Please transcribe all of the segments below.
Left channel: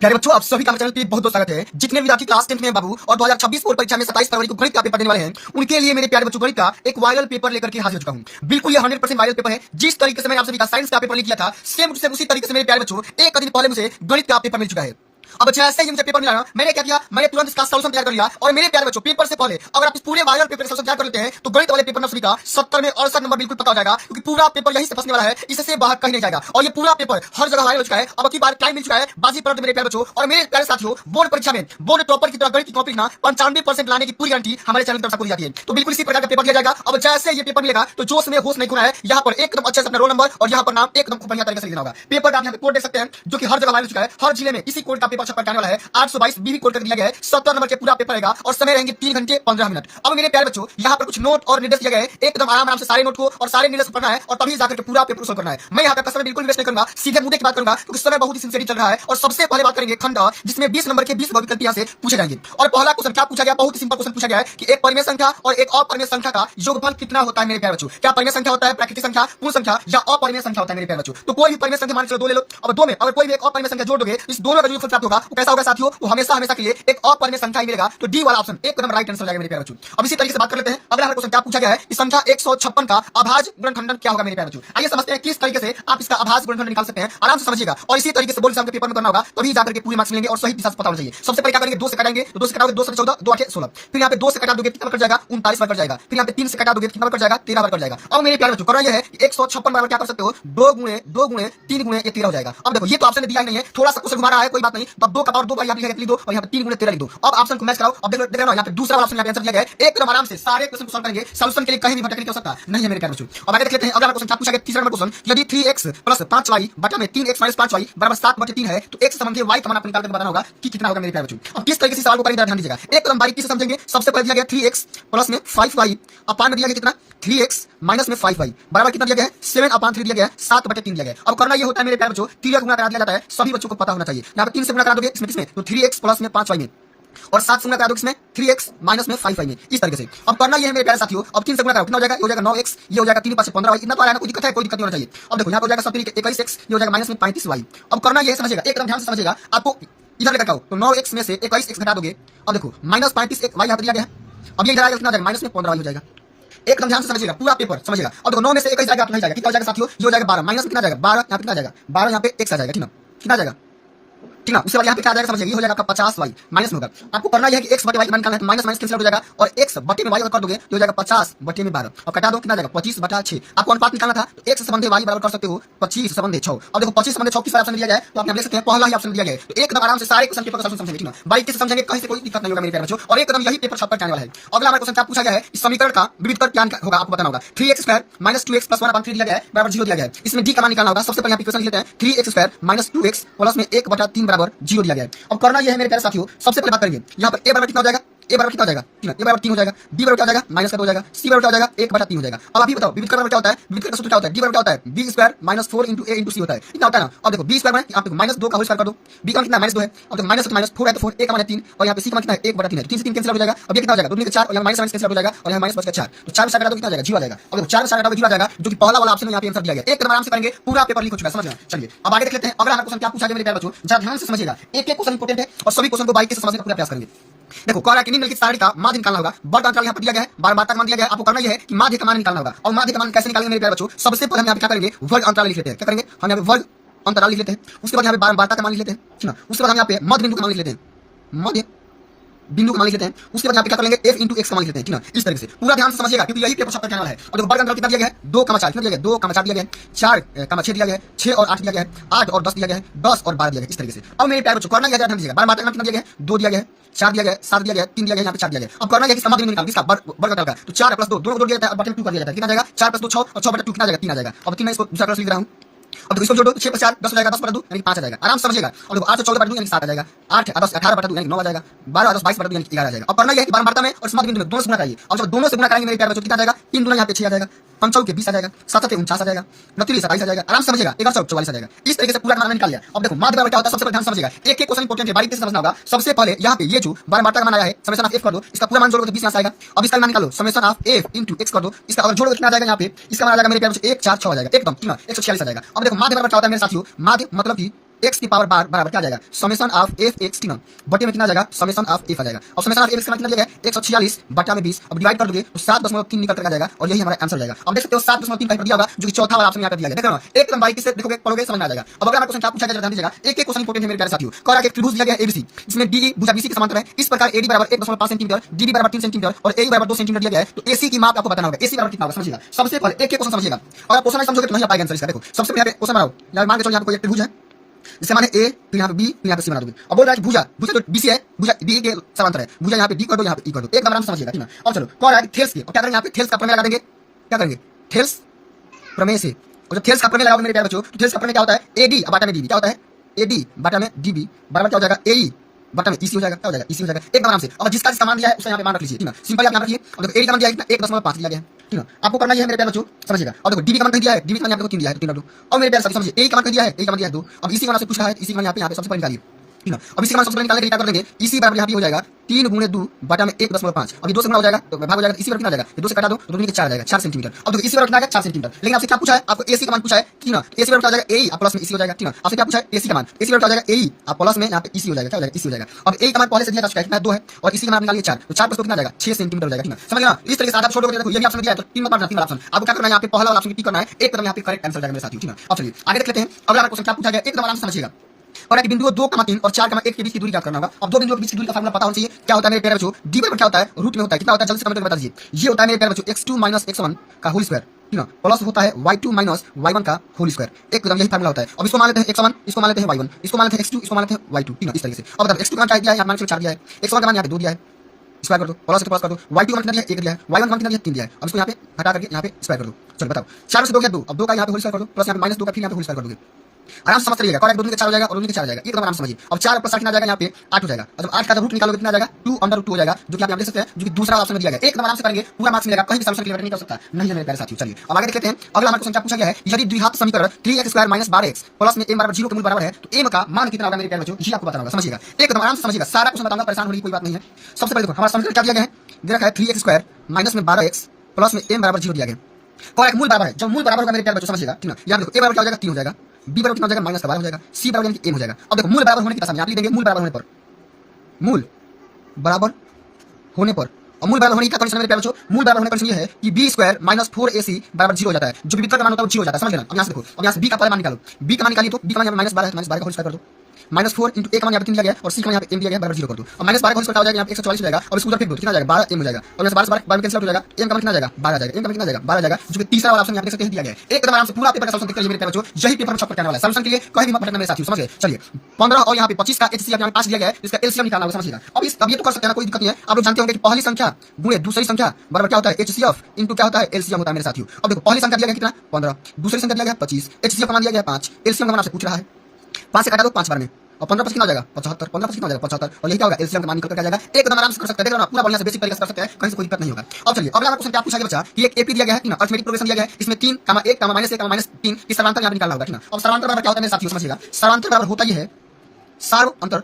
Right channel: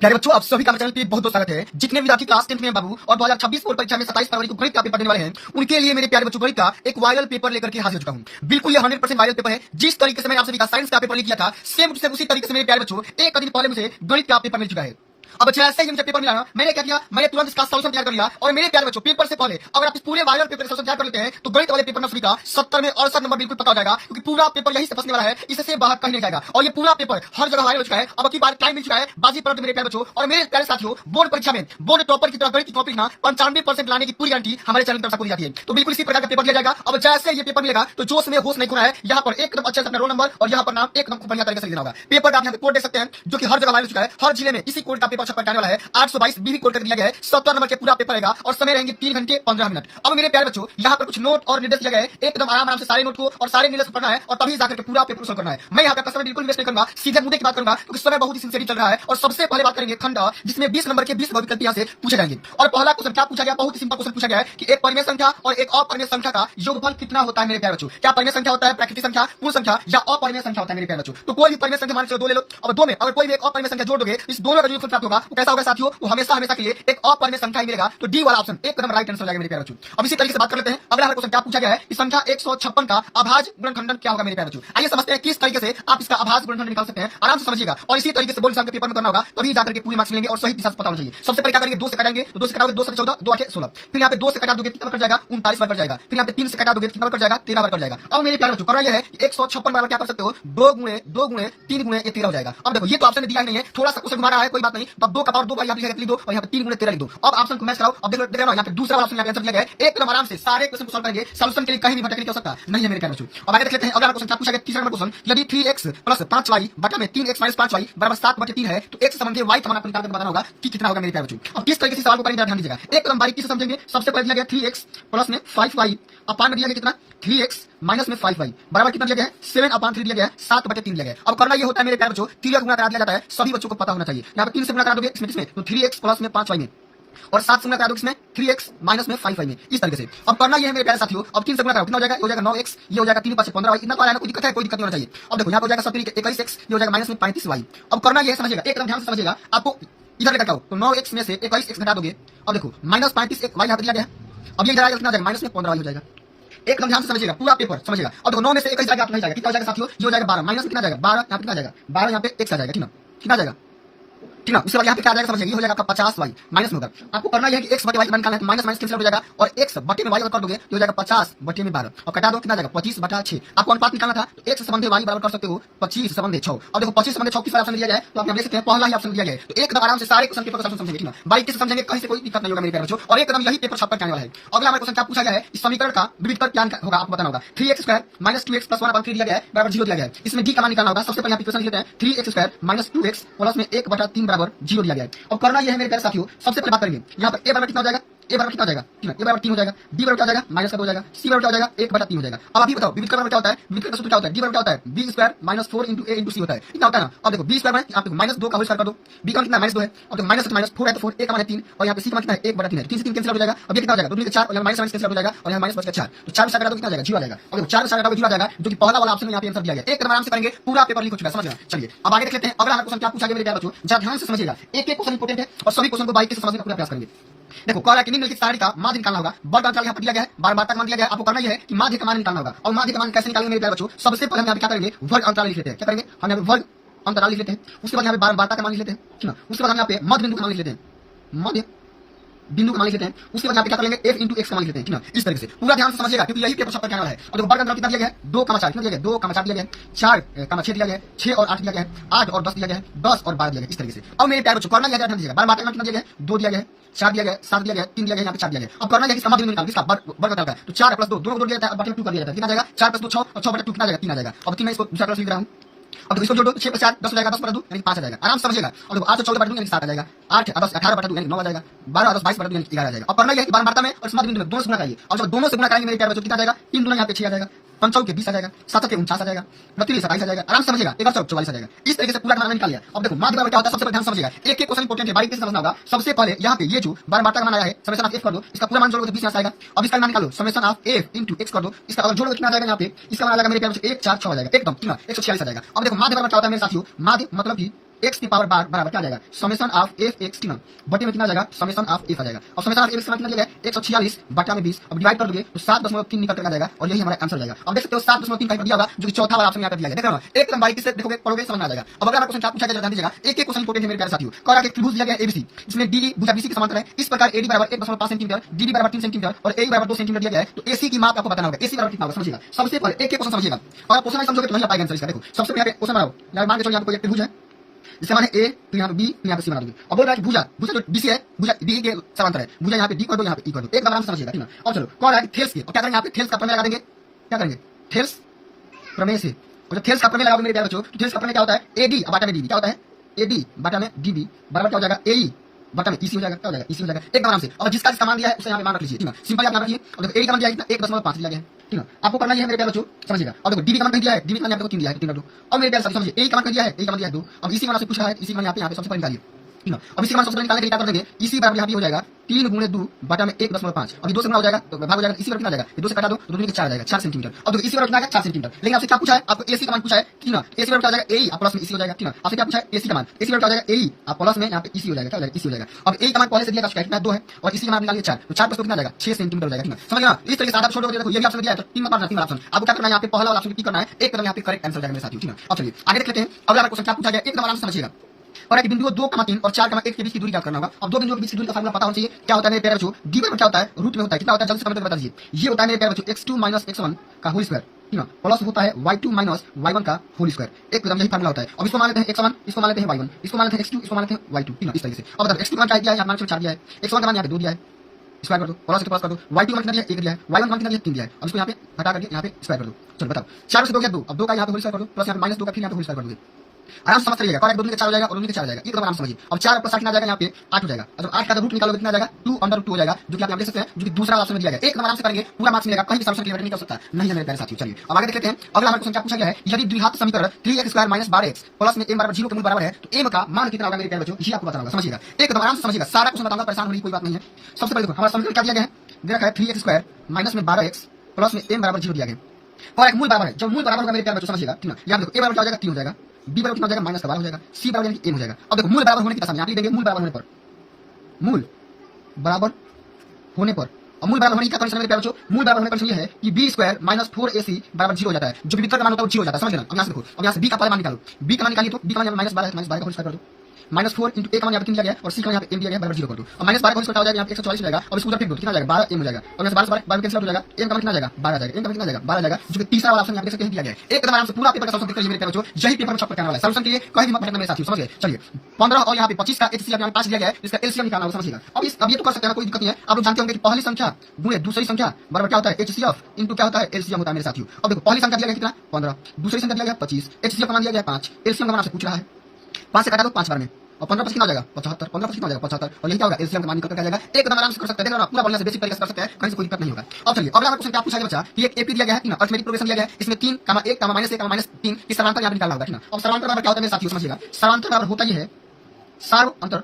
प्यारे बच्चों, आप सभी का चैनल पे बहुत बहुत स्वागत है। जितने विद्यार्थी क्लास 10 में बाबू और 2026 बोर्ड परीक्षा में 27 फरवरी को गणित का पेपर देने वाले हैं, उनके लिए मेरे प्यारे बच्चों गणित का एक वायरल पेपर लेकर के हाजिर हो चुका हूं। बिल्कुल ये 100% वायरल पेपर है। जिस तरीके से मैंने आप सभी का साइंस का पेपर लिख किया था, सेम उसी तरीके से मेरे प्यारे बच्चों एक दिन पहले मुझे गणित का पेपर मिल चुका है। अब जैसे ही मुझे पेपर मिला, मैंने क्या किया, मैंने तुरंत इसका सॉल्यूशन तैयार कर लिया। और मेरे प्यारे बच्चों, पेपर से पहले अगर आप इस पूरे वायरल पेपर का सॉल्यूशन तैयार कर लेते हैं तो गणित वाले पेपर में सभी का 70 में 68 नंबर बिल्कुल पता हो जाएगा, क्योंकि पूरा पेपर यही से फंसने वाला है, इससे बाहर कहीं नहीं जाएगा। और ये पूरा पेपर हर जगह वायरल हो चुका है। अब की बार टाइम मिल चुका है बाजी पर मेरे प्यारे बच्चों और मेरे प्यारे साथियों, बोर्ड परीक्षा में बोर्ड टॉपर की तरह गणित की कॉपी ना 95% लाने की पूरी गारंटी हमारे चैनल की तरफ से दी जाती है। तो बिल्कुल इसी प्रकार का पेपर दिया जाएगा। अब जैसे ये पेपर मिलेगा तो जोश में होश नहीं खोना है। यहाँ पर एकदम अच्छे से अपना रोल नंबर और यहाँ पर नाम एकदम बढ़िया तरीके से लिखना होगा। पेपर का आप यहाँ पे कोड देख सकते हैं, जो कि हर जगह वायरल हो चुका है। हर जिले में इसी कोड का पेपर छपकर जाने वाला है। 822 बीबी कोड कर दिया गया है। 70 नंबर के पूरा पेपर रहेगा और समय रहेंगे 3 घंटे 15 मिनट। अब मेरे प्यारे बच्चों, यहाँ पर कुछ नोट और निर्देश दिए गए हैं। एकदम आराम से सारे नोट को और सारे निर्देश पढ़ना है और तभी जाकर के पूरा पेपर सोल्व करना है। मैं यहाँ पे समय बिल्कुल वेस्ट नहीं करूंगा, सीधे मुद्दे की बात करूंगा, क्योंकि समय बहुत ही सिंसियरली चल रहा है। और सबसे पहले बात करेंगे खंड, जिसमें 20 नंबर के 20 विकल्प यहाँ से पूछे जाएंगे। और पहला क्वेश्चन क्या पूछा गया, बहुत ही सिंपल क्वेश्चन पूछा गया है कि एक परिमेय संख्या और एक अपरिमेय संख्या का योगफल कितना होता है मेरे प्यारे बच्चों। क्या परिमेय संख्या होता है, प्राकृतिक संख्या, पूर्ण संख्या या अपरिमेय संख्या होता है मेरे प्यारे बच्चों। तो कोई भी परिमेय संख्या मान के चलो 2 ले लो, और 2 में अगर कोई भी एक अपरिमेय संख्या जोड़ दोगे, इस दोनों का जो प्राप्त होगा वो कैसा होगा साथियों, वो हमेशा के लिए एक अपरिमेय संख्या ही मिलेगा। तो डी वाला ऑप्शन एकदम राइट आंसर हो जाएगा मेरे प्यारे बच्चों। अब इसी तरीके से बात कर लेते हैं, अगला क्वेश्चन क्या पूछा गया है कि संख्या 156 का अभाज्य गुणनखंडन क्या होगा मेरे प्यारे बच्चों। आइए समझते हैं किस तरीके से आप इसका अभाज्य गुणनखंडन निकाल सकते हैं, आराम से समझिएगा। और इसी तरीके से बोर्ड एग्जाम के पेपर में करना होगा, तभी जाकर के पूरी मार्क्स मिलेंगे और सही दिशा से पता होना चाहिए। सबसे पहले क्या करेंगे, 2 से काटेंगे तो 2 से काटोगे 2 से 14, 2 8 16। फिर यहाँ पे 2 से काटा दोगे कितना कट जाएगा, 39 बार कट जाएगा। फिर यहाँ पे 3 से काटा दोगे कितना कट जाएगा, 13 बार कट जाएगा। अब मेरे प्यारे बच्चों करना यह है कि 156 बराबर क्या कर सकते हो, 2 गुणे 3 गुणे 13 हो जाएगा। अब देखो ये तो ऑप्शन दिया नहीं है, थोड़ा सा क्वेश्चन घुमा रहा है, कोई बात नहीं। तब 2 का पावर 2 बार यहाँ पे लिख दो और यहाँ पे 3 गुणे 13 लिख दो। अब ऑप्शन को मैच कराओ। अब देखो यहाँ पे दूसरा ऑप्शन आंसर दिया गया है। एकदम आराम से सारे क्वेश्चन को सॉल्व करेंगे। सॉल्यूशन के लिए कहीं भी भटकने की आवश्यकता नहीं है मेरे प्यारे बच्चों। अब आगे देख लेते हैं अगला क्वेश्चन क्या पूछा गया, तीसरा नंबर क्वेश्चन, यदि 3x + 5y बटा में 3x - 5y बराबर 7/3 है तो x संबंधी y का मान आपको निकाल कर बताना होगा कि कितना होगा मेरे प्यारे बच्चों। अब किस तरीके से सवाल को करेंगे ध्यान दीजिएगा, एकदम बारीकी से समझेंगे। सबसे पहले दिया गया 3x + में 5y, अपान में दिया गया कितना 3x - में 5y बराबर कितना दिया गया है 7/3 दिया गया है, 7/3 दिया गया है। अब करना ये होता है मेरे प्यारे बच्चों, 3 का गुणा करा दिया जाता है, सभी बच्चों को पता होना चाहिए। यहाँ पे 3 से गुणा करा दोगे इसमें तो 3x + में 5y में, और 7 से गुणा करा दोगे इसमें 3x - में 5y में, इस तरीके से। अब करना ये है मेरे प्यारे साथियों, अब 3 से गुणा करो कितना हो जाएगा, ये हो जाएगा 9x, ये हो जाएगा 3 × 5 = 15y। इतना तो आया ना, कोई दिक्कत है, कोई दिक्कत नहीं होना चाहिए। अब देखो यहाँ पर हो जाएगा 21x, ये हो जाएगा -में 35y। अब करना ये समझिएगा, एकदम ध्यान से समझिएगा। आपको इधर लेकर आओ तो 9x में से 21x घटा दोगे। अब देखो -35y यहाँ पर दिया गया है। अब ये इधर आएगा कितना हो जाएगा, -में 15y हो जाएगा। एकदम ध्यान से समझिएगा, पूरा पेपर समझिएगा। अब देखो 9 में से 21 जाएगा, नहीं जाएगा, कितना हो जाएगा साथियों, ये हो जाएगा 12, माइनस कितना जाएगा 12, यहाँ कितना जाएगा 12, यहाँ पे x आ जाएगा, ठीक ना, कितना जाएगा, ठीक ना। उसके बाद यहाँ पे क्या आ जाएगा समझिए, ये हो जाएगा आपका 50y माइनस में होगा। आपको करना यह है कि x बटे y निकालना है, माइनस माइनस कैंसिल हो जाएगा और x बटे में y अगर कर दोगे तो हो जाएगा 50/12 और कटा दो कितना जाएगा 25/6। आपको अनुपात निकालना था तो x संबंधी y बराबर कर सकते हो 25/6। अब देखो 25/6 किस ऑप्शन दिया गया है, तो आप देख सकते हैं पहला ही ऑप्शन दिया गया है। तो एकदम आराम से सारे क्वेश्चन पेपर का समझेंगे, ठीक ना, बारीकी से समझेंगे, कहीं से कोई दिक्कत नहीं होगा मेरे प्यारे बच्चों। और एकदम यही पेपर छपकर जाने वाला है। अगला हमारा क्वेश्चन क्या पूछा गया है, इस समीकरण का विविधकर क्या होगा आपको बताना होगा। 3x² - 2x + 1/3 दिया गया है बराबर 0 दिया गया है। इसमें d का मान निकालना होगा। सबसे पहले यहाँ पे क्वेश्चन लिख लेते हैं, 3x² - 2x + में 1/3 बराबर 0 दिया गया है। अब करना यह है मेरे प्यारे साथियों, सबसे पहले बात करेंगे यहाँ पर a बराबर कितना हो जाएगा, a बराबर कितना हो जाएगा 3, a बराबर 3 हो जाएगा, b बराबर क्या हो जाएगा माइनस का 2 हो जाएगा, c बराबर क्या हो जाएगा 1/3 हो जाएगा। अब आप ही बताओ विविध बराबर क्या होता है, विविध का सूत्र क्या होता है, d बराबर क्या होता है b² - 4 × a × c होता है, इतना होता है ना। अब देखो b² में आप -2 का होल स्क्वायर कर दो, b का कितना -2 है, अब देखो -4 है तो 4, a का मान 3 और यहाँ पे c का मान कितना है 1/3 है, 3 से 3 कैंसिल हो जाएगा। अब ये कितना हो जाएगा 2 × 4 और यहाँ माइनस कैंसिल हो जाएगा और यहाँ माइनस बच गया 4, तो 4 से काटा तो कितना हो जाएगा 0 आ जाएगा। अब 4 से काटा तो 0 आ जाएगा, जो कि पहला वाला ऑप्शन में यहाँ पे आंसर दिया गया। एकदम आराम से करेंगे, पूरा पेपर लिख हो चुका है, समझ में। चलिए अब आगे देख लेते हैं अगला क्वेश्चन क्या पूछा गया मेरे प्यारे बच्चों, जरा ध्यान से समझिएगा। एक क्वेश्चन इंपॉर्टेंट है और सभी क्वेश्चन को बारीकी से समझने का पूरा प्रयास करेंगे। देखो कह रहा है कि निम्नलिखित सारणी का माध्य निकालना होगा। वर्ग अंतराल यहाँ पर दिया गया है, बार का मान दिया गया है। आपको करना यह है कि माध्य का मान निकालना होगा। और माध्य का मान कैसे निकालेंगे मेरे प्यारे बच्चों, सबसे पहले हम यहाँ पे क्या करेंगे, वर्ग अंतराल लिख लेते हैं। क्या करेंगे, हम यहाँ पे वर्ग अंतराल लिख लेते हैं। उसके बाद यहाँ पे वार्ता का मान लिख लेते हैं, ठीक ना। उसके बाद हम यहाँ पे मध्य बिंदु का मान लिख लेते हैं, मध्य बिंदु को मान लेते हैं। उसके बाद यहाँ पे क्या कर लेंगे f × x का मान लेते हैं, ठीक ना। इस तरीके से पूरा ध्यान से समझिएगा, क्योंकि यही पेपर छपकर आने वाला है। और देखो वर्ग अंतराल कितना दिया गया है 2,4 कितना दिया गया 2,4 दिया गया है, 4,6 दिया गया है, 6 और 8 दिया गया है, 8 और 10 दिया गया है, 10 और 12 दिया गया है, इस तरीके से। अब मेरे प्यारे बच्चों करना यह ध्यान दीजिएगा, बार मात्रा कितना दिया गया है 2 दिया गया है, 4 दिया गया है, 7 दिया गया है, 3 दिया गया है, यहाँ पे 4 दिया गया है। अब करना है कि समाधान निकाल इसका वर्ग अंतराल का, तो 4 + 2 दोनों को जोड़ दिया जाता है, बटे 2 कर दिया जाता है, कितना जाएगा 4 + 2 6 और 6/2 कितना जाएगा 3 आ जाएगा। अब 3 मैं इसको दूसरा क्लास लिख रहा हूँ। अब देखो इसको जोड़ो 6 + 4 10 हो जाएगा, 10/2 यानी 5 आ जाएगा, आराम से समझिएगा। और देखो 8 + 14/2 यानी 7 आ जाएगा, 8 और 10 18/2 यानी 9 आ जाएगा, 12 और 10 22/2 यानी 11 आ जाएगा। अब करना यह है कि बार मात्रा में और समाधि बिंदु में दोनों से गुणा करिए। और जब दोनों से गुणा करेंगे मेरे प्यारे बच्चों कितना जाएगा 3 दूना यहाँ पे 6 आ जाएगा, 5 चौके 20 आ जाएगा, 7 के 49 आ जाएगा, 29 27 आ जाएगा, आराम से समझिएगा, 11 44 आ जाएगा। इस तरीके से पूरा मान निकाल लिया। अब देखो माध्य बराबर क्या होता है, सबसे पहले ध्यान समझिएगा, एक क्वेश्चन इंपॉर्टेंट है, बारीकी से समझना होगा। सबसे पहले यहाँ पे ये जो बार मात्रा का मान आया है समेशन ऑफ f कर दो, इसका पूरा मान जोड़ो तो 20 आएगा। अब इसका मान निकालो समेशन ऑफ f × x कर दो, इसका अगर जोड़ो कितना आ जाएगा यहाँ पे, इसका मान आ जाएगा मेरे प्यारे बच्चों 1 4 6 आ जाएगा, एकदम ठीक ना 146 आ जाएगा। अब देखो माध्य बराबर क्या होता है मेरे साथियों, माध्य मतलब कि एक्स की पावर बार बराबर क्या आ जाएगा summation of F x T बटे में कितना आ जाएगा समेशन ऑफ एफ आ जाएगा और समेशन ऑफ एफ कितना दिया गया 146 बटा में 20 अब डिवाइड कर दोगे तो 7.3 निकल कर आ जाएगा और यही हमारा आंसर जाएगा। अब देख सकते हो 7.3 टाइप दिया होगा जो कि चौथा वाला ऑप्शन यहाँ पे दिया गया। देखो एकदम बारीकी से देखोगे पढ़ोगे समझ में आ जाएगा। अब अगर क्वेश्चन क्या पूछा गया ध्यान दीजिएगा, एक क्वेश्चन इंपोर्टेंट है मेरे प्यारे साथियों। कह रहा है त्रिभुज दिया गया एबीसी जिसमें डी भुजा बीसी के समांतर है, इस प्रकार एडी बराबर 1.5 सेंटीमीटर, डीबी बराबर 3 सेंटीमीटर और एई बराबर 2 सेंटीमीटर दिया गया है। तो एसी की माप आपको बताना होगा, एसी बराबर कितना होगा समझिएगा। सबसे पहले एक क्वेश्चन समझिएगा और क्वेश्चन समझोगे तो नहीं आ पाएगा आंसर इसका। देखो सबसे पहले क्वेश्चन बनाओ, यार मान के चलो यहाँ पे कोई एक त्रिभुज है जिसका मान है ए, तो यहाँ पे बी, तो यहाँ पे सी बना दोगे। अब बोल रहा है भुजा भुजा तो बीसी है, भुजा बी के समांतर है, भुजा यहाँ पे डी कर दो, यहाँ पे ई कर दो, एक नंबर समझिएगा ठीक है। अब चलो कौन है थेल्स की, अब क्या करेंगे यहाँ पे थेल्स का प्रमेय लगा देंगे। क्या करेंगे थेल्स प्रमेय से, और जब थेल्स का प्रमेय लगाओगे मेरे प्यारे बच्चों तो थेल्स का प्रमेय क्या होता है एडी बाटा में डीबी, क्या होता है एडी बाटा में डीबी बराबर क्या हो जाएगा एई बटा में इसी हो जाएगा, क्या हो जाएगा इसी हो जाएगा एक नाम से। और जिसका सामान दिया है उसे यहाँ पे मान रख लीजिए ठीक है, सिंपल आप यहाँ रखिए। और देखो एडी का मान दिया है 1.5 दिया गया है ठीक है, आपको करना है मेरे प्यारे बच्चों समझिएगा। और देखो डीबी का मान दिया है, डीबी का यहाँ पे 3 दिया है 3 2, और मेरे प्यारे साथी समझिए एई का मान दिया है, एई का मान दिया है 2। अब इसी का मान से पूछा है, इसी का मान यहाँ पे सबसे पहले निकालिए ठीक है। अब इसी का मान सबसे पहले निकालने के लिए क्या कर देंगे, इसी बराबर यहाँ पे हो जाएगा 3 गुणे 2 बटा में 1.5। अभी 2 से गुणा हो जाएगा तो भाग हो जाएगा, इसी बराबर कितना आ जाएगा 2 से काटा दो तो 2 के 4 आ जाएगा 4 सेंटीमीटर। अब देखो इसी बराबर कितना आ जाएगा 4 सेंटीमीटर। लेकिन आपसे क्या पूछा है, आपको एसी का मान पूछा है ठीक है, एसी बराबर क्या आ जाएगा एई प्लस में इसी हो जाएगा ठीक है। आपसे क्या पूछा है एसी का मान, एसी बराबर क्या आ जाएगा एई प्लस में यहाँ पे इसी हो जाएगा, क्या हो जाएगा इसी हो जाएगा। अब एई का मान पहले से दिया था कितना 2 है और इसी का मान निकालिए 4, तो 4 प्लस 2 कितना आ जाएगा 6 सेंटीमीटर हो जाएगा ठीक है। समझ गए ना, इस तरीके से आधा छोड़ दो। देखो ये ऑप्शन दिया है तो 3 नंबर 3 ऑप्शन आपको क्या करना है यहाँ पे पहला वाला ऑप्शन टिक करना है, एक तरफ यहाँ पे करेक्ट आंसर जाएगा मेरे साथियों ठीक है। अब चलिए आगे देख लेते हैं अगला क्वेश्चन क्या पूछा गया, एक नंबर आंसर समझिएगा। और एक बिंदु 2,3 और 4,1 के बीच की दूरी क्या करना होगा। अब दो बिंदुओं के बीच की दूरी का फार्मूला पता होना चाहिए। क्या होता है मेरे प्यारे बच्चों, डी बराबर क्या होता है रूट में होता है, कितना होता है जल्दी से कमेंट करके बता दीजिए। ये होता है मेरे प्यारे बच्चों x2 - x1 का होल स्क्वायर ठीक है, प्लस होता है y2 - y1 का होल स्क्वायर। एकदम यही फार्मूला होता है। अब इसको मान लेते हैं x1, इसको मान लेते हैं y1, इसको मान लेते हैं x2, इसको मान लेते हैं y2 ठीक है। इस तरीके से अब बताओ x2 का मान क्या दिया है, यहाँ मान 4 दिया है, x1 का मान यहाँ पे 2 दिया है, स्क्वायर कर दो, प्लस के प्लस कर दो, y2 मान कितना दिया है 1 दिया है, y1 मान कितना दिया है 3 दिया है। अब इसको यहाँ पे हटा करके यहाँ पे स्क्वायर कर दो। चलो बताओ 4 से 2 गया 2, अब 2 का यहाँ पे होल स्क्वायर कर दो, प्लस यहाँ पे -2 का फिर यहाँ पे होल स्क्वायर कर दोगे। आराम से समझ करिएगा, करेक्ट 2 के 4 हो जाएगा और 2 के 4 हो जाएगा, एक आराम समझिए। अब 4 + 60 आ जाएगा यहाँ पे 8 हो जाएगा। जब 8 का रूट निकालोगे कितना आ जाएगा 2/√2 हो जाएगा, जो कि आप यहाँ देख सकते हैं, जो कि दूसरा ऑप्शन में दिया गया। एक नंबर आराम से करेंगे पूरा मार्क्स मिलेगा, कहीं भी सॉल्यूशन क्लियर नहीं कर सकता नहीं है मेरे प्यारे साथियों। चलिए अब आगे देख लेते हैं अगला क्वेश्चन क्या पूछा गया है, यदि द्विघात समीकरण 3x² - 12x प्लस में m बराबर 0 के मूल बराबर है तो m का मान कितना होगा मेरे प्यारे बच्चों, ये आपको बताना होगा। समझिएगा एक नंबर आराम से समझिएगा, सारा क्वेश्चन बताऊंगा, परेशान होने की कोई बात नहीं है। सबसे पहले देखो हमारा समीकरण क्या दिया गया है, दिया गया है 3x² - में 12x प्लस में m बराबर 0 दिया गया। करेक्ट मूल बराबर है, जब मूल बराबर होगा मेरे प्यारे बच्चों समझिएगा ठीक है। यहाँ देखो a बराबर क्या हो जाएगा 3 हो जाएगा, b बराबर कितना हो जाएगा -12 हो जाएगा, c बराबर यानी कि m हो जाएगा। अब देखो मूल बराबर होने की आसानी आप लिख देंगे, मूल बराबर होने पर, मूल बराबर होने पर, और मूल बराबर होने का कंडीशन मेरे प्यारे बच्चों, मूल बराबर होने का कंडीशन ये है कि b² - 4ac बराबर 0 हो जाता है। जो भी विकर्ण का मान होता है वो 0 हो जाता है। समझ लेना। अब यहाँ से देखो, अब यहाँ से b का पहले मान निकालो, b का मान निकालिए तो b का मान -12 है, -12 का होल स्क्वायर कर दो, -4 × a का मान यहाँ पे 3 दिया गया और c का मान यहाँ पे m दिया गया बराबर 0 कर दो। और -12 का होल स्क्वायर हो जाएगा यहाँ पे 144 हो जाएगा और इसको उधर फेंक दो, कितना आ जाएगा 12m हो जाएगा। और यहाँ से 12 से 12 कैंसिल हो जाएगा, m का मान कितना आ जाएगा 12 आ जाएगा, m का मान कितना आ जाएगा 12 आ जाएगा, जो कि तीसरा वाला ऑप्शन यहाँ देख सकते हैं दिया गया है। एकदम आराम से पूरा पेपर का सॉल्यूशन देखते रहिए मेरे प्यारे बच्चों, यही पेपर में छक्का करने वाला है। सॉल्यूशन के लिए कहीं भी मत भटकना मेरे साथियों, समझ गए। चलिए 15 और यहाँ पे 25 का HCF यहाँ 5 दिया गया है, इसका LCM निकालना होगा समझिएगा। अब ये तो कर सकते हैं, कोई दिक्कत नहीं है। आप लोग जानते होंगे कि पहली संख्या गुणे दूसरी संख्या बराबर क्या होता है HCF इनटू क्या होता है LCM होता है मेरे साथियों। अब देखो पहली संख्या दिया गया कितना 15, दूसरी संख्या दिया गया 25, HCF का मान दिया गया 5, LCM का मान आपसे पूछ रहा है 5 से काटा दो 5 बार में, और 15 कितना हो जाएगा 75, 15 कितना हो जाएगा 75, और यही क्या होगा एलसीएम का मान निकल कर आ जाएगा। एकदम आराम से कर सकते हैं, देखो ना पूरा बढ़िया से बेसिक तरीके से कर सकते हैं, कहीं से कोई दिक्कत नहीं होगा। अब चलिए अगला क्वेश्चन क्या पूछा गया बच्चा, ये एक एपी दिया गया है, अर्थमेटिक प्रोग्रेशन दिया गया है, इसमें 3, 1, -1, -3 इस समांतर यहाँ निकालना होगा ठीक है। अब समांतर बराबर क्या होता है मेरे साथियों समझिएगा, समांतर बराबर होता ही है सार्व अंतर,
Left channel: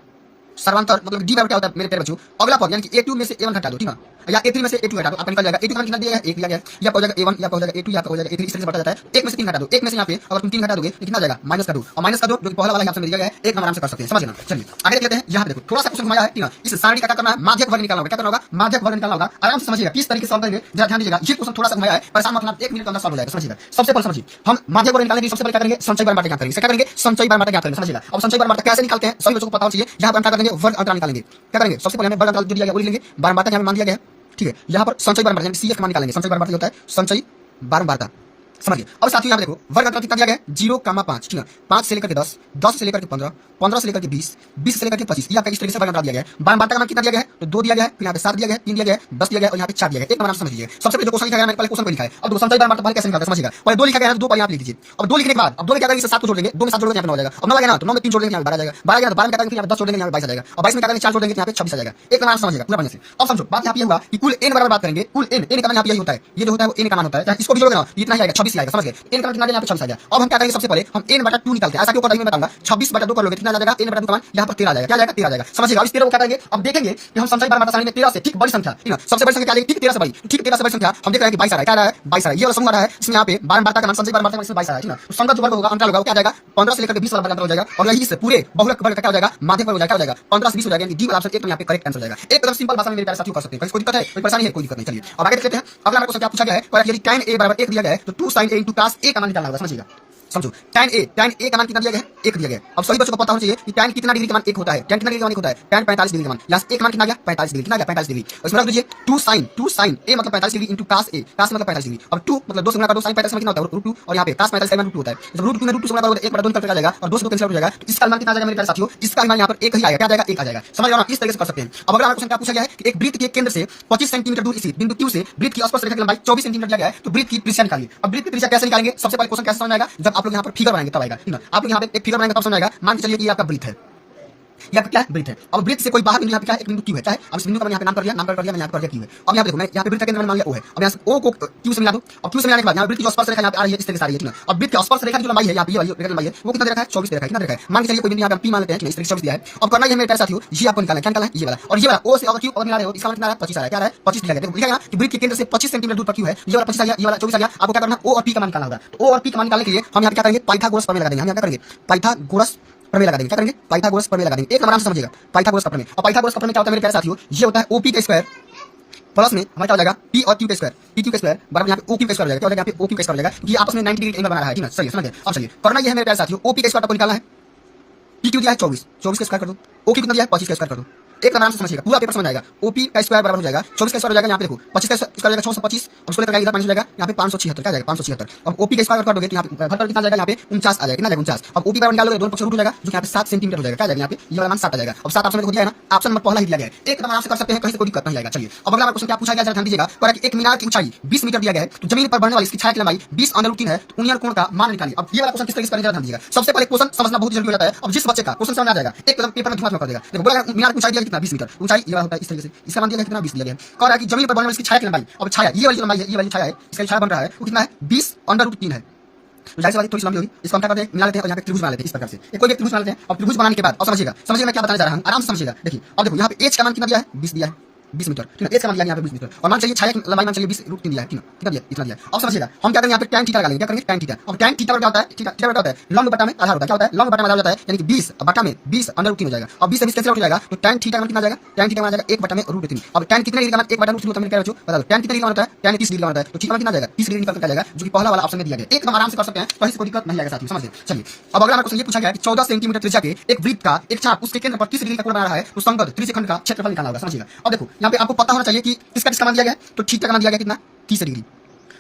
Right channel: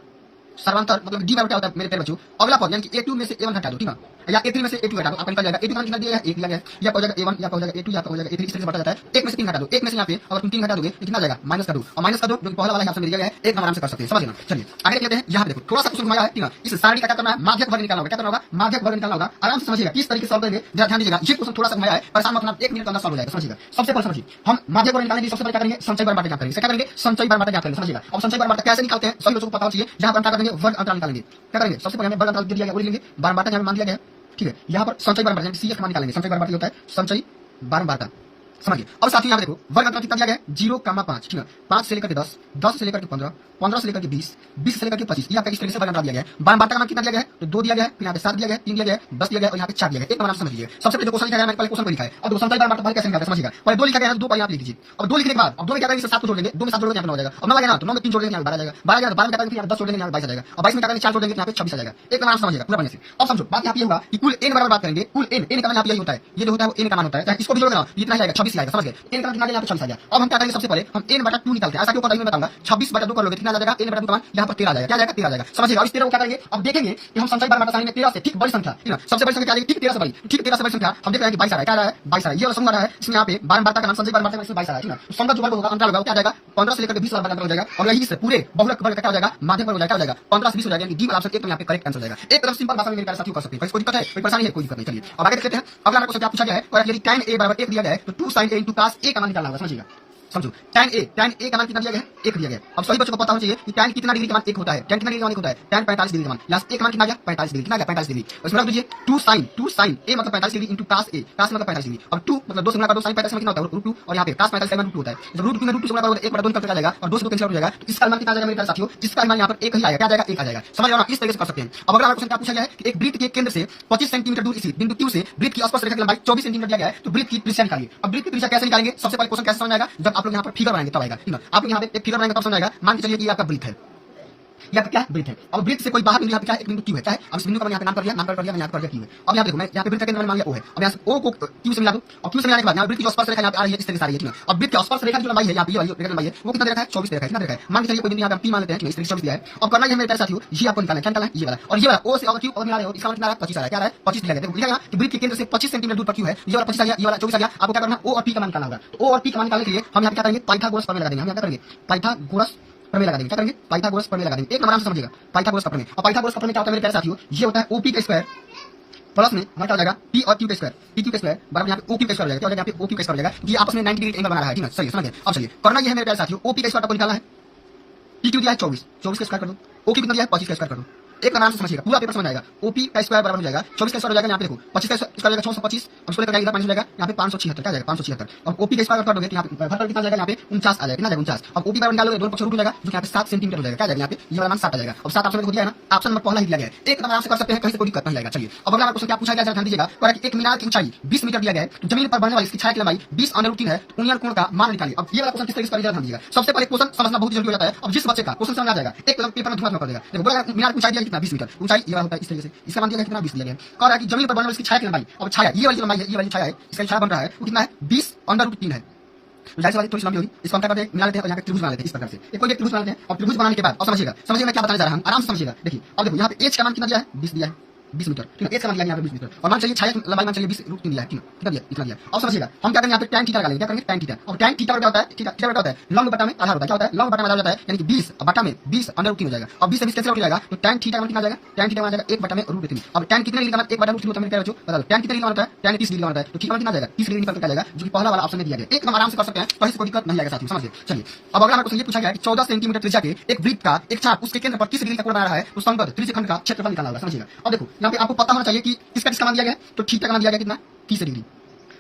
सर्वांतर मतलब डी बराबर क्या होता है मेरे प्यारे बच्चों, अगला पद यानी कि a2 में से a1 घटा दो ठीक है, या a3 में से a2 घटा दो, आपका निकल जाएगा a2 का कितना दिया है 1 दिया गया, या हो जाएगा a1 या हो जाएगा a2 या हो जाएगा a3, इस तरह से बढ़ता जाता है। 1 में से 3 घटा दो, 1 में से यहाँ पे अगर तुम 3 घटा दोगे तो कितना जाएगा माइनस कर दो, और माइनस कर दो जो कि पहला वाला यहाँ से दिया गया है, एक नंबर आराम से कर सकते हैं समझ लेना। चलिए आगे देख लेते हैं, यहाँ पे देखो थोड़ा सा क्वेश्चन घुमाया है ठीक है, इस सारणी का क्या करना है माध्यक वर्ग निकालना होगा, क्या करना होगा माध्यक वर्ग निकालना होगा। आराम से समझिएगा किस तरीके से सॉल्व करेंगे जरा ध्यान दीजिएगा, ये क्वेश्चन थोड़ा सा घुमाया है, परेशान मत होना, 1 मिनट के अंदर सॉल्व हो जाएगा समझिएगा। सबसे पहले समझिए हम माध्यक वर्ग निकालने के लिए सबसे पहले क्या करेंगे संचय बार बाटे ज्ञात करेंगे, क्या करेंगे संचय बार बाटे ज्ञात करेंगे समझिएगा। अब संचय बार बाटे कैसे निकालते हैं सभी बच्चों को पता होना चाहिए, यहाँ पर हम क्या करेंगे वर्ग अंतराल निकालेंगे, क्या करेंगे सबसे पहले हमें वर्ग अंतराल दिया गया वो लेंगे, बारंबारता यहाँ पे मान दिया गया है ठीक है, यहाँ पर संचय बारंबारता यानी CF का मान निकालेंगे, संचय बारंबारता होता है संचय बारंबारता समझिए। अब साथियों यहाँ देखो वर्ग अंतराल कितना दिया गया है 0,5 ठीक है, 5 से लेकर के 10, 10 से लेकर के 15, 15 से लेकर के 20, 20 से लेकर के 25, ये आपका इस तरीके से वर्ग अंतराल दिया गया है। बारंबारता का मान कितना दिया गया है तो 2 दिया गया है, फिर यहाँ पे 7 दिया गया है, 3 दिया गया है, 10 दिया गया है और यहाँ पे 4 दिया गया है। एक नंबर समझ लीजिए। सबसे पहले जो क्वेश्चन लिखा गया मैंने पहले क्वेश्चन को लिखा है, अब संचय बारंबारता पहले कैसे निकालते हैं समझिएगा। पहले 2 लिखा गया है 2 पर यहाँ लिख दीजिए, अब 2 लिखने के बाद अब 2 में क्या करेंगे 7 को जोड़ देंगे, 2 में 7 जोड़ देंगे यहाँ पे 9 हो जाएगा, अब 9 आ गया ना तो 9 में 3 जोड़ देंगे यहाँ पे 12 आ जाएगा, 12 आ गया तो 12 में क्या करेंगे यहाँ पे 10 जोड़ देंगे यहाँ पे 22 आ जाएगा, और 22 में क्या करेंगे 4 जोड़ देंगे यहाँ पे 26 आ जाएगा। एक नंबर समझिएगा पूरा बढ़िया से। अब समझो बात यहाँ पे होगा कि कुल n बराबर बात करेंगे, कुल n का मान यहाँ पे यही होता है, ये जो होता है वो n का मान होता है, इसको भी जोड़ देना इतना ही आएगा 26 आएगा समझ गए, n का मान कितना यहाँ पे 26 आ जाएगा। अब हम क्या करेंगे सबसे पहले हम n/2 निकालते हैं, ऐसा क्यों मैं बताऊंगा 26/2 कर लोगे कितना आ जाएगा n/2 का मान यहाँ पर 13 आ जाएगा, क्या आ जाएगा 13 आ जाएगा समझिएगा। अब इस 13 को क्या करेंगे अब देखेंगे कि हम संख्या 12 सारणी में 13 से ठीक बड़ी संख्या, ठीक है, सबसे बड़ी संख्या क्या आएगी, ठीक 13 से बड़ी, ठीक 13 से बड़ी संख्या हम देख रहे हैं कि 22 आ रहा है, क्या आ रहा है 22 आ रहा है, ये वाला समूह आ रहा है, इसमें यहाँ पे 12 का मान संख्या 12 का मान 22 आ रहा है, ठीक है, तो संख्या जो वर्ग होगा अंतराल होगा क्या आ जाएगा 15 से लेकर 20 वाला अंतर हो जाएगा, और यही से पूरे बहुलक वर्ग क्या हो जाएगा माध्यक वर्ग हो जाएगा, क्या हो जाएगा 15 से 20 हो जाएगा, यानी डी वाला ऑप्शन एक यहाँ पे करेक्ट आंसर हो जाएगा। एक एकदम सिंपल भाषा में मेरे प्यारे साथियों कर सकते हैं, कोई दिक्कत है, कोई परेशानी है, कोई दिक्कत नहीं। चलिए अब आगे देखते हैं, अगला क्वेश्चन क्या पूछा गया है, और यदि tan a बराबर 1 दिया गया है तो 2 sin a into cos a का मान निकालना होगा, समझिएगा, समझो tan a का मान कितना दिया गया है, 1 दिया गया है। अब सभी बच्चों को पता होना चाहिए कि tan कितना डिग्री का मान 1 होता है, tan कितना डिग्री का मान 1 होता है, tan 45 डिग्री का मान, यहाँ से 1 मान कितना आ गया 45 डिग्री, कितना आ गया 45 डिग्री, और इसमें रख दीजिए 2 sin a मतलब 45 degree into cos a, cos मतलब 45 डिग्री, अब 2 मतलब 2 से गुणा कर दो, sin 45 कितना होता है √2, और यहाँ पे cos 45 का मान √2 होता है, जब √2 में √2 से गुणा करोगे 1/2 निकल कर जाएगा, और 2 से 2 कैंसिल हो जाएगा, तो इसका मान कितना आ जाएगा मेरे प्यारे साथियों, इसका मान यहाँ पर 1 ही आएगा, क्या आ जाएगा 1 आ जाएगा, समझ रहे हो ना, इस तरीके से कर सकते हैं। अब अगला क्वेश्चन क्या पूछा गया है कि एक वृत्त के केंद्र से 25 सेंटीमीटर दूर इसी बिंदु Q से वृत्त की स्पर्श रेखा की लंबाई 24 सेंटीमीटर दिया गया है, तो वृत्त की त्रिज्या निकालिए। अब वृत्त की त्रिज्या कैसे निकालेंगे, सबसे पहले क्वेश्चन कैसे समझ आएगा, जब आप लोग यहाँ पर फिगर बनाएंगे तब आएगा, ठीक है, आप लोग यहाँ पे एक फिगर बनाएंगे तब समझ आएगा। मान के चलिए कि ये आपका वृत्त है, ये आपका क्या है वृत्त है, अब वृत्त से कोई बाहर यहाँ पे क्या है एक बिंदु Q है, क्या है, अब इस बिंदु का मैंने यहाँ पे नाम कर लिया, मैंने यहाँ पर Q है। अब यहाँ पे देखो मैं यहाँ पे वृत्त का केंद्र मैंने मान लिया O है, अब यहाँ से O को Q से मिला दूं, अब Q से मिलाने के बाद यहाँ वृत्त की स्पर्श रेखा यहाँ पे आ रही है, इस तरह से आ रही है, ठीक है, अब वृत्त की स्पर्श रेखा की लंबाई है यहाँ पे ये वाली रेखा की लंबाई है वो कितना दे रखा है 24 दे रखा है, कितना दे रखा है, मान के चलिए कोई बिंदु यहाँ पे P मान लेते हैं, इस तरीके से 24 दिया है। अब करना ये मेरे प्यारे साथियों, ये आपको निकालना है, क्या निकालना है ये वाला, और ये वाला O से अगर Q अगर मिला रहे हो इसका मतलब कितना आ रहा है 25 आ रहा है, क्या आ रहा है 25 दिया गया, देखो लिखा गया कि वृत्त के केंद्र से 25 सेंटीमीटर दूर पर Q है, ये वाला 25 आ गया, ये वाला 24 आ गया, आपको क्या करना है O और P का मान निकालना होगा। तो O और P का मान निकालने के लिए हम यहाँ पे क्या करेंगे पाइथागोरस प्रमेय लगा देंगे, हम यहाँ क्या करेंगे पाइथागोरस प्रमेय लगा देंगे, क्या करेंगे पाइथागोरस प्रमेय लगा देंगे, एक आराम से समझिएगा पाइथागोरस प्रमेय। और पाइथागोरस प्रमेय क्या होता है मेरे प्यारे साथियों, ये होता है OP का स्क्वायर प्लस में हमारा क्या हो जाएगा P और Q का स्क्वायर, PQ का स्क्वायर बराबर यहाँ पे OQ का स्क्वायर हो जाएगा, क्या हो जाएगा यहाँ पे OQ का स्क्वायर हो जाएगा, ये आपस में 90 डिग्री एंगल बना रहा है, ठीक है, चलिए समझ गए। अब चलिए करना ये है मेरे प्यारे साथियों, OP का स्क्वायर आपको निकालना है, PQ दिया है 24 का स्क्वायर कर दो, OQ कितना दिया है 25 का स्क्वायर कर दो, एक आराम से समझिएगा पूरा पेपर समझ आएगा। OP का स्क्वायर बराबर हो जाएगा 24 का स्क्वायर हो जाएगा, यहाँ पे देखो 25 का स्क्वायर हो जाएगा 625, अब इसको लेकर इधर 5 हो जाएगा, यहाँ पे 576 क्या जाएगा 576। अब OP का स्क्वायर कर दोगे तो यहाँ पे घर पर कितना जाएगा, यहाँ पे 49 आ जाएगा, कितना जाएगा 49। अब OP बराबर निकालोगे दोनों पक्ष रूट हो जाएगा, जो यहाँ पे 7 सेंटीमीटर हो जाएगा, क्या जाएगा यहाँ पे ये वाला मान 7 आ जाएगा। अब 7 ऑप्शन में दिया है ना, ऑप्शन नंबर पहला ही दिया गया है, एक आराम से कर सकते हैं, कहीं से कोई दिक्कत नहीं आएगा। चलिए अब अगला क्वेश्चन क्या पूछा गया, ध्यान दीजिएगा, और एक मीनार की ऊंचाई 20 मीटर दिया गया है, तो जमीन पर बनने वाली इसकी छाया की लंबाई 20√3 है, तो उन्नयन कोण का मान निकालिए। अब ये वाला क्वेश्चन किस तरीके से करेंगे ध्यान दीजिएगा, सबसे पहले क्वेश्चन समझना बहुत जरूरी होता है। अब जिस बच्चे का क्वेश्चन समझ आ जाएगा एक कदम पेपर में धुआं कर देगा, देखो बोला मीनार की ऊंचाई दिया कितना 20 मीटर, ऊंचाई ये होता है इस तरीके से, इसका मान दिया है कितना 20 दिया गया है, कह रहा है कि जमीन पर बनने वाली इसकी छाया की लंबाई, अब छाया ये वाली लंबाई है, ये वाली छाया है, इसका छाया बन रहा है वो कितना है 20√3 है, जाहिर वाली थोड़ी लंबी होगी, इसको हम क्या करते हैं मिला लेते हैं और यहाँ पे त्रिभुज बना लेते हैं इस प्रकार से, एक कोई त्रिभुज बना लेते हैं। अब त्रिभुज बनाने के बाद अब समझिएगा मैं क्या बताने जा रहा हूँ, आराम से समझिएगा। देखिए अब देखो यहाँ पे एच का मान कितना दिया है 20 दिया है, 20 मीटर, ठीक है, एच का मान दिया यहाँ पे 20 मीटर, और मान चलिए छाया की लंबाई मान चलिए 20√3 दिया है, ठीक है, कितना दिया इतना दिया। अब समझिएगा हम क्या करेंगे यहाँ पे tan थीटा लगा लेंगे, क्या करेंगे tan थीटा। अब tan थीटा क्या होता है, थीटा क्या होता है लंब बटा में आधार होता है, क्या होता है लंब बटा में आधार होता है, यानी कि 20 बटा में 20√3 हो जाएगा। अब 20 से 20 कैसे उठ जाएगा, तो tan थीटा का मान कितना आ जाएगा, tan थीटा का मान आ जाएगा 1/√3। अब tan कितने डिग्री का मान 1/√3 होता है मेरे प्यारे बच्चों, बता दो tan कितने डिग्री का होता है, tan 30 डिग्री का होता है, तो थीटा कितना आ जाएगा 30 डिग्री निकल कर आ जाएगा, जो कि पहला वाला ऑप्शन में दिया गया, एकदम आराम से कर सकते हैं, कहीं से कोई दिक्कत नहीं आएगा साथियों, समझ गए। चलिए अब अगला क्वेश्चन ये पूछा गया है कि 14 सेंटीमीटर त्रिज्या के एक वृत्त का एक चाप उसके केंद्र पर 30 डिग्री का कोण बना रहा है, तो संगत त्रिज्यखंड का क्षेत्रफल निकालना होगा, समझिएगा। अब देखो यहाँ पे आपको पता होना चाहिए कि किसका मान दिया गया, तो थीटा का मान दिया गया कितना 30 डिग्री।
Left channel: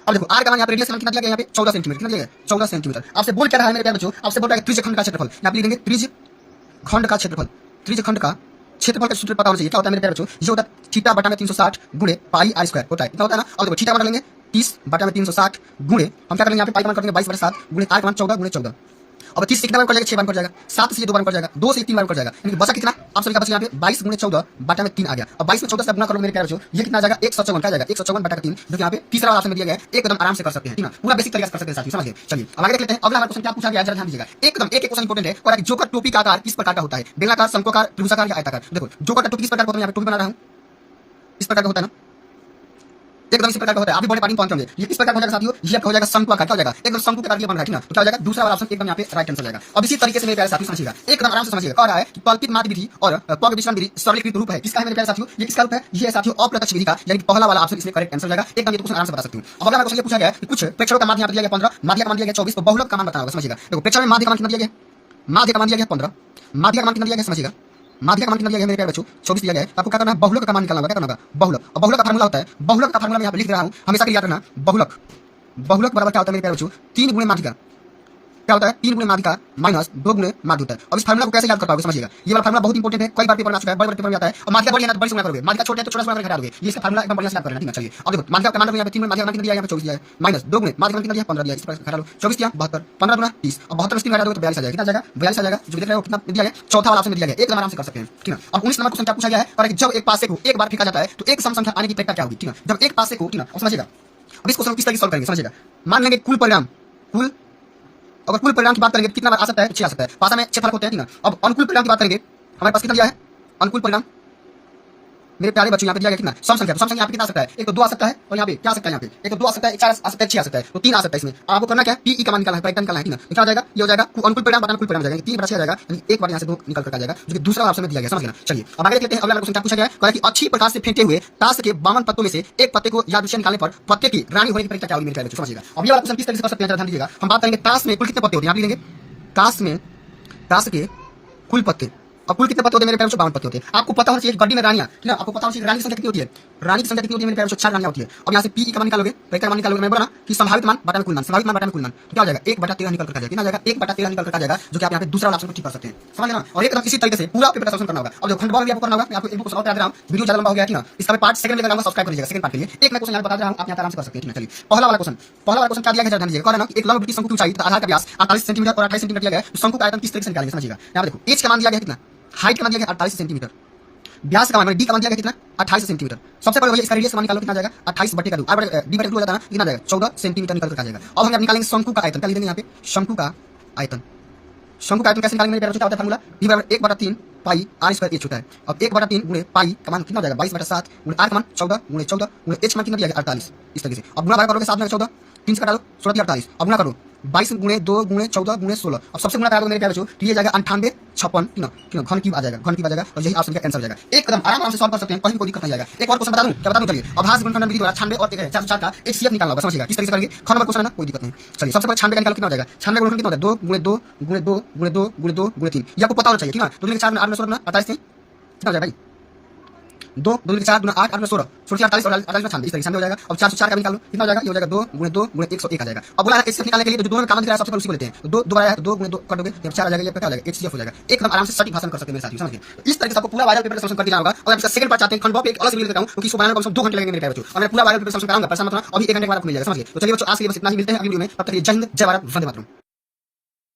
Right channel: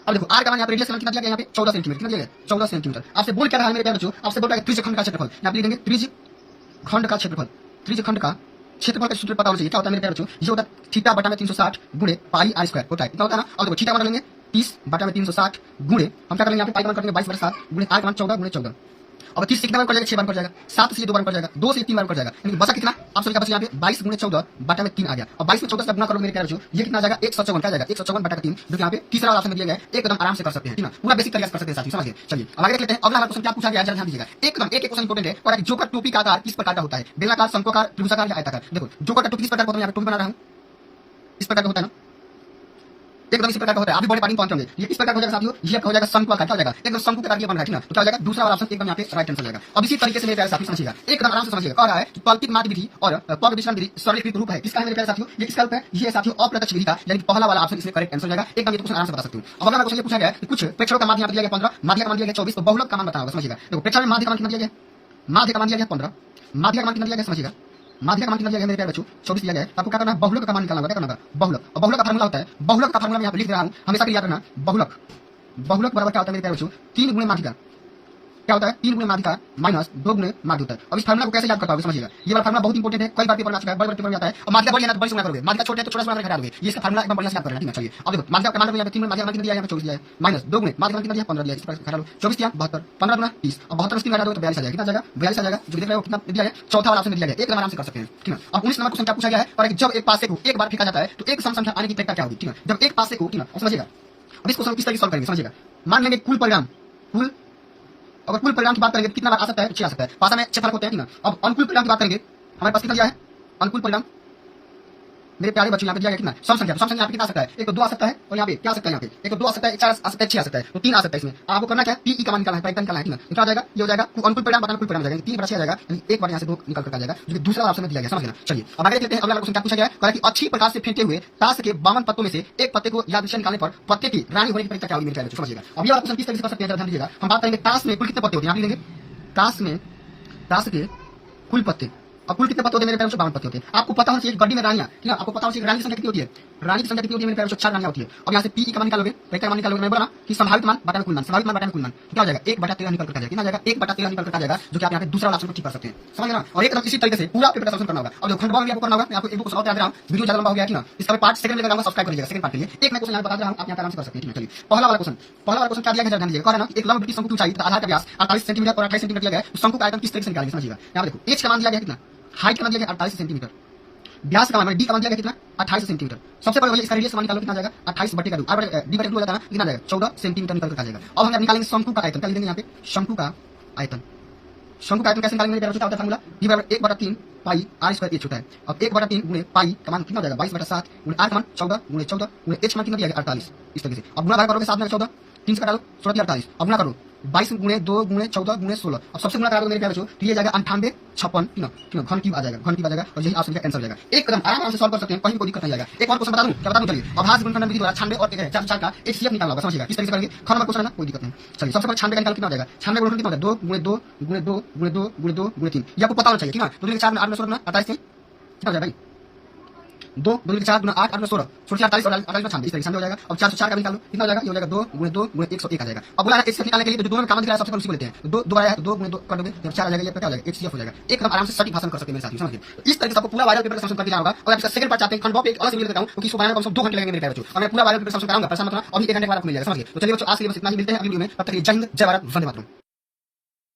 अब देखो आर का मान यहाँ पे रेडियस का मान कितना दिया गया, यहाँ पे 14 सेंटीमीटर, कितना दिया गया 14 सेंटीमीटर। आपसे बोल क्या रहा है मेरे प्यारे बच्चों, आपसे बोल रहा है त्रिज्यखंड का क्षेत्रफल, यहाँ पे लिखेंगे त्रिज्यखंड का क्षेत्रफल, त्रिज्यखंड का क्षेत्रफल का सूत्र पता होना चाहिए, क्या होता है मेरे प्यारे बच्चों, ये होता है थीटा बटा में 360 गुणे पाई r स्क्वायर होता है, कितना होता है ना। अब देखो थीटा का मान लेंगे 30 बटा में 360 गुणे हम क्या करेंगे यहाँ पे पाई का मान करेंगे 22/7 गुणे r का मान 14 गुणे 14। अब 30 से कितना बार कर जाएगा 6 बार कर जाएगा, 7 से 2 बार कर जाएगा, 2 से 3 बार कर जाएगा, यानी बचा कितना आप सभी का बचा यहाँ पे 22 गुणे 14 बटा में 3 आ गया। अब 22 में 14 से गुणा करो मेरे प्यारे बच्चों, ये कितना आ जाएगा 154 का जाएगा 154 बटा 3, जो यहाँ पे तीसरा वाला ऑप्शन में दिया गया है, एकदम आराम से कर सकते हैं, ठीक है, पूरा बेसिक तरीके से कर सकते हैं साथी, समझिए। चलिए अब आगे देख लेते हैं अगला क्वेश्चन क्या पूछा गया है, जरा ध्यान दीजिएगा, एकदम एक क्वेश्चन इंपॉर्टेंट है, और जोकर टोपी का आकार किस प्रकार का होता है, बेलनाकार, शंक्वाकार, त्रिभुजाकार या आयताकार। देखो जोकर का टोपी किस प्रकार का होता है, यहाँ पे टोपी बना रहा हूँ इस प्रकार का होता है ना, एकदम इस प्रकार का होता है, आप भी बड़े पानी पहुंचोगे, ये किस प्रकार का हो जाएगा साथियों, ये हो जाएगा शंक्वाकार, क्या हो जाएगा एकदम शंकु के आकार बन रहा है, ठीक है, तो क्या हो जाएगा दूसरा वाला ऑप्शन एकदम यहाँ पे राइट आंसर जाएगा। अब इसी तरीके से मेरे प्यारे साथियों समझिएगा, एकदम आराम से समझिएगा, कह रहा है कि कल्पित माध्य विधि और त्वग्विश्लेषण विधि सरलीकृत रूप है, किसका है मेरे प्यारे साथियों, ये किसका रूप है, ये साथियों अप्रत्यक्ष विधि का, यानी कि पहला वाला ऑप्शन इसमें करेक्ट आंसर जाएगा, एकदम ये क्वेश्चन आराम से बता सकते हो। अब अगला क्वेश्चन ये पूछा गया कि कुछ प्रेक्षकों का माध्य यहाँ पे दिया गया 15, माध्य का मान दिया गया 24, तो बहुलक का मान बताना होगा, समझिएगा। देखो प्रेक्षक में माध्य का मान कितना दिया गया, माध्य का मान दिया गया 15, माध्य का मान कितना दिया गया समझिएगा, माध्य का मान कितना दिया गया मेरे प्यारे बच्चों 24 दिया गया है, आपको क्या करना है बहुलक का मान निकालना होगा, क्या करना होगा बहुलक, और बहुलक का फार्मूला होता है, बहुलक का फार्मूला मैं यहाँ पे लिख रहा हूँ, हमेशा के लिए याद रखना, बहुलक बराबर क्या होता है मेरे प्यारे बच्चों 3 गुणे माध्य का, क्या होता है 3 गुणे माध्य का माइनस 2 गुणे माध्य होता है। अब इस फार्मूला को कैसे याद कर पाओगे समझिएगा, ये वाला फार्मूला बहुत इंपॉर्टेंट है, कई बार पेपर में आ चुका है, बड़े पेपर में आता है। और माध्य बड़ी है ना बड़ी से गुणा करोगे, माध्य छोटे है तो छोटा से गुणा करके हटा दोगे, ये इसका फार्मूला एकदम बढ़िया से याद करना, ठीक है। चलिए अब देखो माध्य का मान यहाँ पे 3 गुणे माध्य का मान कितना दिया है, यहाँ पे 24 दिया है, माइनस 2 गुणे माध्य का मान कितना दिया है 15 दिया है, इस प्रकार हटा लो 24 दिया 72, 15 गुना 30, अब 72 से 3 घटा दोगे तो 42 आ जाएगा, कितना जाएगा 42 आ जाएगा, जो देख रहे हो कितना दिया गया, चौथा वाला ऑप्शन में दिया गया, एकदम आराम से कर सकते हैं, ठीक है। अब 19 नंबर क्वेश्चन क्या पूछा गया है, और जब एक पासे को एक बार फेंका जाता है तो एक सम संख्या आने की प्रक्रिया क्या होगी, ठीक है, जब एक पासे को, ठीक है, अब समझिएगा। अब इस क्वेश्चन किस तरह सॉल्व करेंगे समझिएगा, मान लेंगे कुल परिणाम, कुल अगर कुल परिणाम की बात करेंगे तो कितना बार आ सकता है 6 आ सकता है, पासा में 6 फर्क होते हैं, ठीक है। अब अनुकूल परिणाम की बात करेंगे, हमारे पास कितना दिया है अनुकूल परिणाम, मेरे प्यारे बच्चों यहाँ पे दिया गया कितना सम संख्या, तो सम संख्या यहाँ पे कितना आ सकता है, एक तो 2 आ सकता है और यहाँ पे क्या आ सकता है, यहाँ पे एक तो 2 आ सकता है, 4 आ सकता है, 6 आ सकता है, तो 3 आ सकता है इसमें। अब आपको करना क्या है, पी ई का मान निकालना है, प्राइम निकालना है, क्या आ जाएगा, ये हो जाएगा अनुकूल परिणाम बटा अनुकूल परिणाम हो जाएगा, 3 बटा 6 आ जाएगा, यानी एक बार यहाँ से 2 निकल कर आ जाएगा, जो कि दूसरा ऑप्शन में दिया गया, समझ लेना। चलिए अब आगे देखते हैं, अगला क्वेश्चन क्या पूछा गया है, कि अच्छी प्रकार से फेंटे हुए ताश के 52 पत्तों में से एक पत्ते को यादृच्छिक निकालने पर पत्ते की रानी होने की परीक्षा क्या होगी, मेरे प्यारे बच्चों समझिएगा। अब ये वाला क्वेश्चन किस तरीके से कर सकते हैं, ध्यान दीजिएगा। हम बात करेंगे ताश में कुल कितने पत्ते होते हैं, यहाँ लिखेंगे ताश के कुल पत्ते, अब कुल कितने पत्ते होते हैं मेरे प्यारे बच्चों, 52 पत्ते होते हैं। आपको पता होना चाहिए गड्डी में रानियां, ठीक है, आपको पता होना चाहिए रानी की संख्या कितनी होती है, रानी की संख्या कितनी होती है मेरे प्यारे बच्चों, 4 रानियां होती है। अब यहाँ से पी का मान निकालोगे, वेक्टर मान निकालोगे, मैं बोला ना कि संभावित मान बटा में कुल मान, संभावित मान बटा में कुल मान, क्या हो जाएगा 1/13 निकल कर आ जाएगा, कितना आ जाएगा 1/13 निकल कर आ जाएगा, जो कि आप यहाँ पे दूसरा ऑप्शन को ठीक कर सकते हैं, समझ लेना। और एक इसी तरीके से पूरा पेपर सॉल्व करना होगा। अब जो खंडवा में आपको करना होगा, मैं आपको एक बुक सॉल्व करा रहा हूं, वीडियो ज्यादा लंबा हो गया है ना, इसका पार्ट सेकंड लेकर आऊंगा, सब्सक्राइब कर लीजिएगा सेकंड पार्ट के लिए। एक मैं क्वेश्चन यहाँ बता रहा हूं, आप यहाँ आराम से कर सकते हैं, ठीक है। चलिए पहला वाला क्वेश्चन क्या दिया गया, ध्यान दीजिएगा। कह रहा है ना एक लंब वृत्तीय शंकु की ऊंचाई तथा आधार का व्यास 48 सेंटीमीटर और 28 सेंटीमीटर दिया गया है, तो शंकु का आयतन किस तरीके से निकालेंगे, समझिएगा। यहाँ देखो एच का मान दिया गया कितना, हाइट का मान दिया गया 48 सेंटीमीटर, व्यास का मान डी का मान दिया गया कितना 28 सेंटीमीटर। सबसे पहले इसका रेडियस मान निकालो, कितना जाएगा 28 बटे का 2 डी बटे 2 हो जाता है, कितना जाएगा 14 सेंटीमीटर निकल कर आ जाएगा। अब हम निकालेंगे शंकु का आयतन, क्या लिखेंगे यहाँ पे शंकु का आयतन। शंकु का आयतन कैसे निकालेंगे मेरे क्या होता है फार्मूला, डी बराबर 1/3 पाई r स्क्वायर h होता है। अब 1/3 गुणे पाई का मान कितना हो जाएगा 22/7 गुणे r का मान 14 गुणे 14 गुणे h मान कितना दिया जाएगा 48, इस तरीके से। अब गुणा भाग करोगे 7 में 14, 3 से काट दो 16 48, अब गुणा करो 22 गुणे 2 गुणे 14 गुणे 16, अब सबसे गुणा करा दो मेरे प्यारे बच्चों, तो ये जाएगा 98 56 कितना घन क्यूब आ जाएगा, घन क्यूब आ जाएगा, और यही ऑप्शन का आंसर हो जाएगा। एक कदम आराम से सॉल्व कर सकते हैं, कहीं कोई दिक्कत नहीं आएगा। एक और क्वेश्चन बता दूं, क्या बता दूं, चलिए अभाज्य गुणनफल विधि द्वारा 96 और 4 का एक सीएफ निकालना होगा, समझिएगा किस तरीके से करेंगे। ख नंबर क्वेश्चन है ना, कोई दिक्कत नहीं। चलिए सबसे पहले 96 का निकाल कितना हो जाएगा, 96 गुणनफल कितना हो जाएगा 2 गुणे 2 गुणे 2 गुणे 2 गुणे 2 गुणे 3, ये आपको पता होना चाहिए, ठीक है। तो 4 में 8 में 16 28 से कितना हो जाएगा भाई 2 2 4 गुना 8 8 में 16 16 48 और 48 में 96, इस तरीके से हो जाएगा। अब 404 का निकालो, कितना हो जाएगा, ये हो जाएगा 2 गुणे 2 गुणे 101 आ जाएगा। अब बोला है एचसीएफ निकालने के लिए, तो जो दोनों में कॉमन दिख रहा है सबसे पहले उसी को लेते हैं, तो 2 दोबारा है तो 2 गुणे 2 कर दोगे, जब 4 आ जाएगा, ये क्या हो जाएगा एचसीएफ हो जाएगा। एकदम आराम से सटीक भाषण कर सकते हैं मेरे साथ, समझिए। तो इस तरीके से आपको पूरा वायरल पेपर सॉल्व कर दिया होगा। और आप इसका सेकंड पार्ट चाहते हैं, खंडवा पे एक अलग से वीडियो देता हूं, क्योंकि इसको बनाने में कम से कम 2 घंटे लगेंगे मेरे प्यारे बच्चों, और मैं पूरा वायरल पेपर सॉल्व कराऊंगा, परेशान मत होना, अभी 1 घंटे के बाद आपको मिल जाएगा, समझिए। तो चलिए बच्चों आज के लिए बस इतना ही, मिलते हैं अगली वीडियो में, तब तक के लिए जय हिंद जय भारत वंदे मातरम।